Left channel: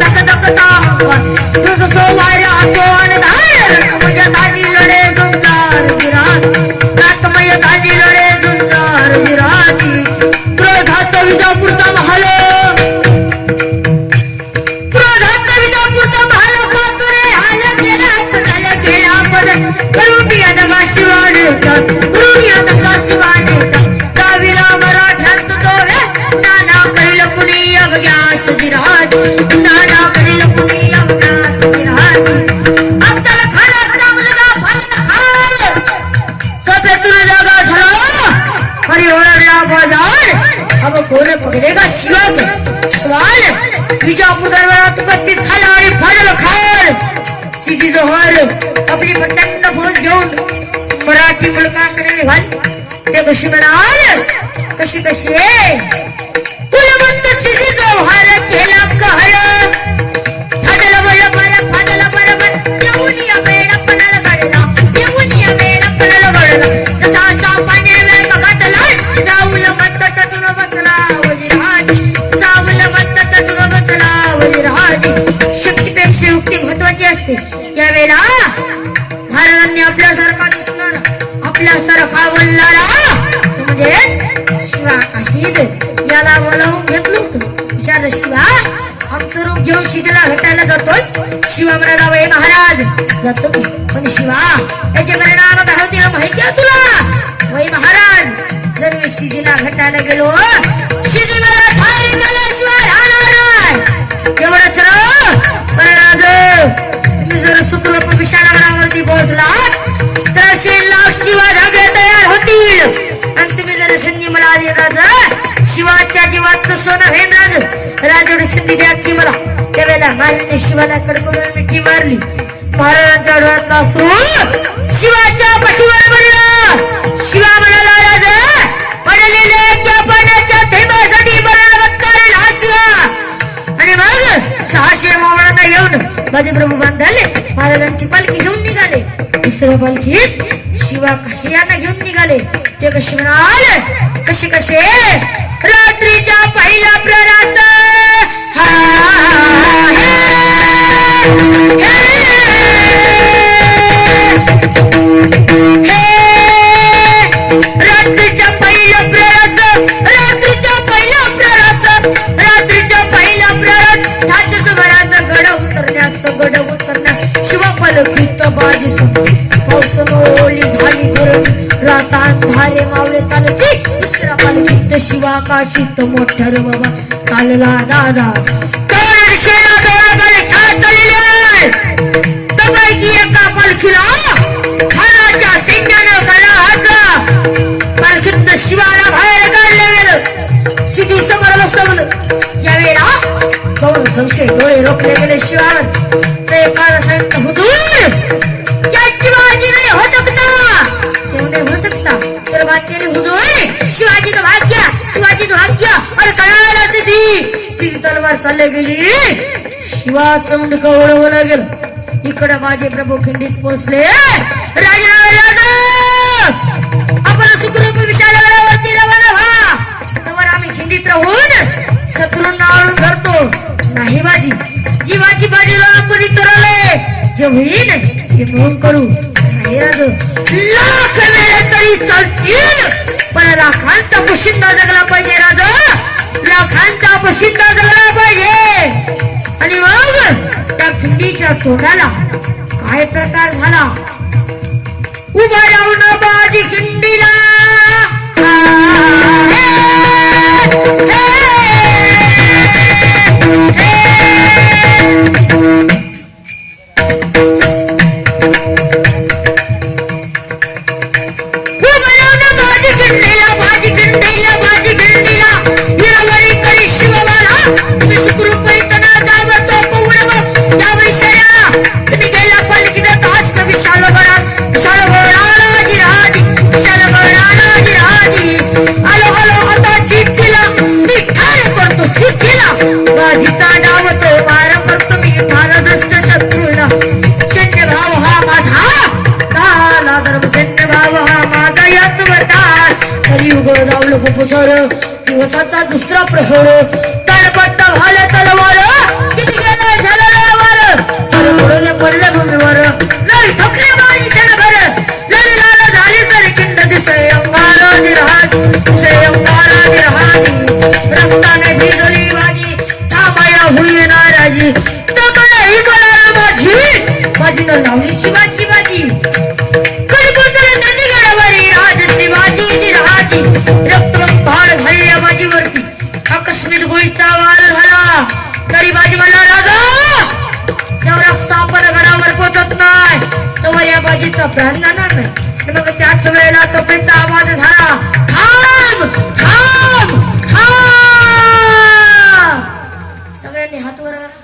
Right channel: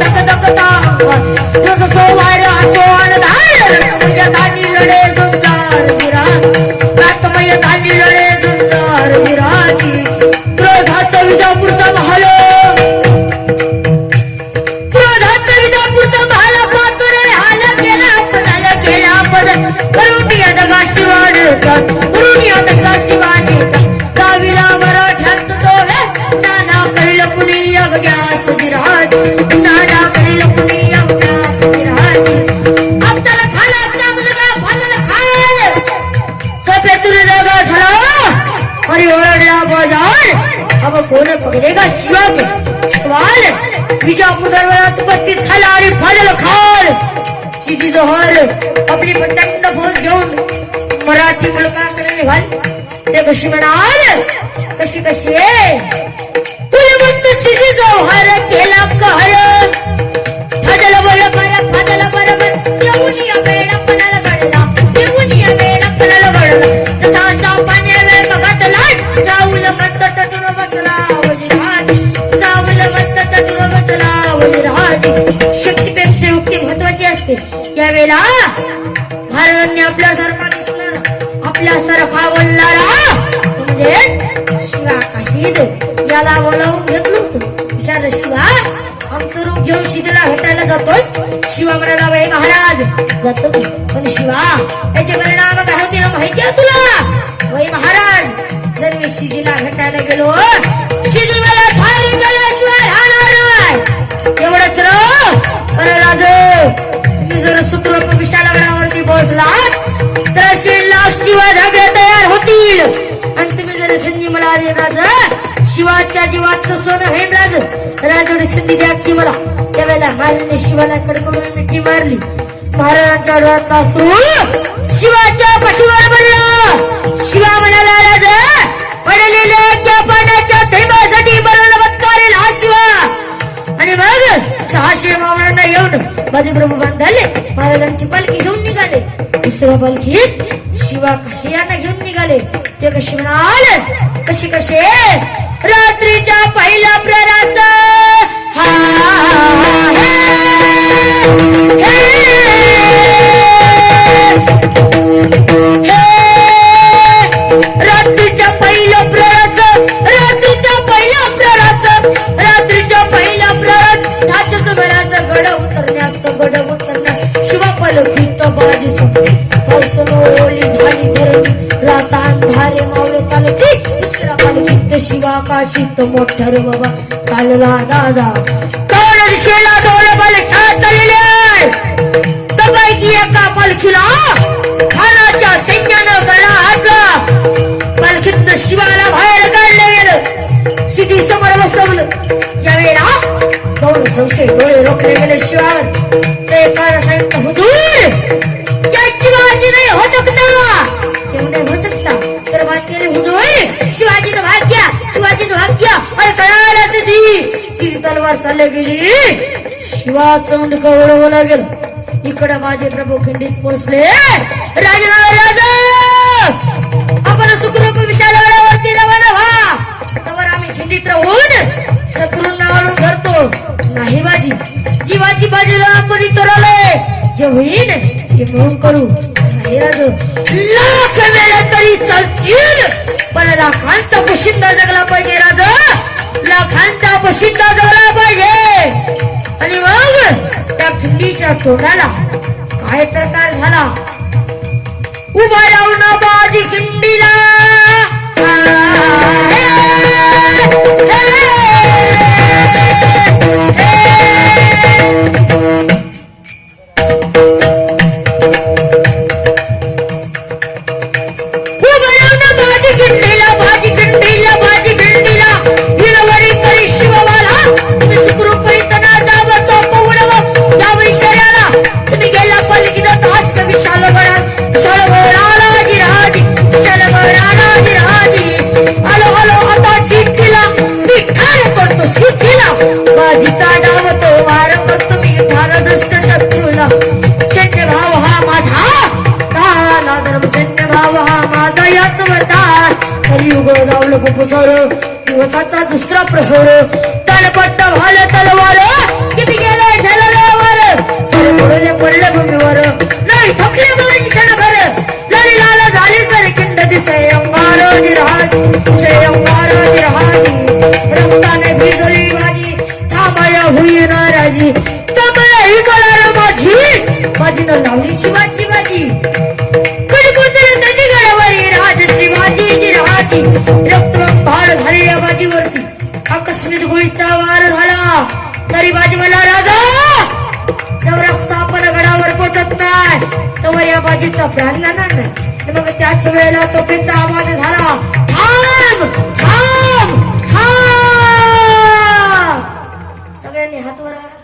धक धक तांग जस सोवार सोन धार रत्मय दानी लढे जुंजार जिराज रत्मय दानी लढे जुंजार जिराजी क्रोधात विजापूरचा महाल क्रोधात विजापूरचा महाल पातुरे हाल केला पद करुणिया दगा शिवाने करुणिया दगा शिवाने दाविला मराठ्यांचं तोवे नाना कळलं कुणी अवघ्यास विराट नाना कळलं कुणी अवघ्यास विराट अफजल खानाचा मुलगा फजल खान सभेतून जागा झाला आणि ओरडला बाजार अब कोण पकडेगा शिवाक सवाल विजापूर दरबारात उपस्थित झाला आणि फजल खान सीधी जोहर आपली प्रचंड फौज घेऊन मराठी मुलकाकडे निघाली ते कशी म्हणाल कशी कशी कुलवंत सीधी जोहर केला कहर फजल बरोबर येऊन या वेळा पणाला गडला येऊन या वेळा पणाला गडला तसा सापाने वेळ घातला साऊल मत तटून बसला वजीराज साऊल मत तटून बसला वजीराज शक्तीपेक्षा युक्ती महत्वाची असते यावेळेला महाराजांनी आपल्यासारखा दिसणार आपल्यासारखा बोलणारा म्हणजे शिवा काशीद याला बोलावून घेतलं होतं विचारलं शिवा आमचं रूप घेऊन शिदेला भेटायला जातोस शिवा म्हणाला वय महाराज जातो पण शिवा याचे परिणाम काय होतील माहिती आहे तुला वय महाराज जर मी शिदीला भेटायला गेलो शिदी मला ठार केल्याशिवाय राहणार नाही एवढंच राज तुम्ही जर सुखरूप विशालगडावरती पोहोचलात तर 100 लाख शिवा धागे तयार होतील आणि तुम्ही जर संधी मला आली राजा शिवाच्या जीवाचं सोनं होईल राजवडी संधी द्या की मला त्यावेळेला माझ्याने शिवाला कडकडून मिठी मारली महाराजांच्या डोळ्यातला असू शिवाच्या पाठीवर पडला शिवा म्हणाला राजा पडलेले त्या पाण्याच्या थेंबासाठी बलवत्कार हा शिवा आणि मग 600 मावळ्यांना घेऊन बाजीप्रभू बांधले महाराजांची पालखी घेऊन निघाले दुसऱ्या पालखीत शिवा काशी यांना घेऊन निघाले ते कशी म्हणाल कशी कसे रात्रीच्या पहिला प्ररास रात्रीच्या पहिला प्ररास रात्रीच्या पहिला प्ररास ठात सुमारास गड उतरण्यास शिवा पालखीत बाजी सुटली पाऊस ओली झाली धरणी रात अंधारे मावळे चालते दुसऱ्या पालखीत शिवा काशीत मोठ्या रे बाबा चालला दादा दोन दिशेला दोन पालख्या चालले तबारकी एका पालखीला खानाच्या सैन्यानं गळा हाकला पालखीत शिवाला बाहेर काढलं गेलं सिद्धी समोर बसवलं यावेळेला दोन संशय डोळे रोखले गेले शिवावर ते एका सांगितलं हुजूर क्या शिवाजी नहीं हो सकता तर बात केली हुजूर शिवाजी तो भाग्य और कयाला सीधी तलवार चालले गेली शिवा चौंड कवडवला गेलं इकडे माझे प्रभू खिंडीत पोहोचले राजा आपण सुखरूप विशालगडावरती रवाना व्हा तवर आम्ही खिंडीत राहून शत्रूंना आळून धरतो नाही बाजी जीवाची बाजी कोणी तरले जे होईल ते म्हणून करू नाही राजू लाख मेले तरी चालतील पण लाखांचा पोशिंदा जगला पाहिजे राजा लाखांचा पोशिंदा जगला पाहिजे आणि मग त्या खिंडीच्या तोंडाला काय प्रकार झाला उभा राहून बाजी खिंडीला तुम्ही सुखरूप इतना जावतो पवडवा त्या विषयाला तुम्ही गेला पालखीत तास विशाल राजी आलो आता चिठ्ठीला मी ठार करतो सिद्धीला माझीचा डाव तो वार करतो मी ठार दुष्ट शत्रूला सैन्य भाव हा माझा धर्म सैन्य भाव हा माझा याच वरदान हरियुग रावलं कुपुसर दिवसाचा दुसरा प्रहर तलपट्ट भाल तलवार किती गेला लावली शिवाची बाजी कधी कोसळले नदी गडावरी राज शिवाजी जिराजी रक्तबंबाळ झालेल्या बाजीवरती आकस्मिक गोळीचा वार झाला तरी बाजी मला राजा जवळ सापड गडावर पोचत नाही तवर या बाजीचा प्राण जाणार नाही मग त्याच वेळेला तपेचा आवाज झाला थांब थांब थांब सगळ्यांनी हात वर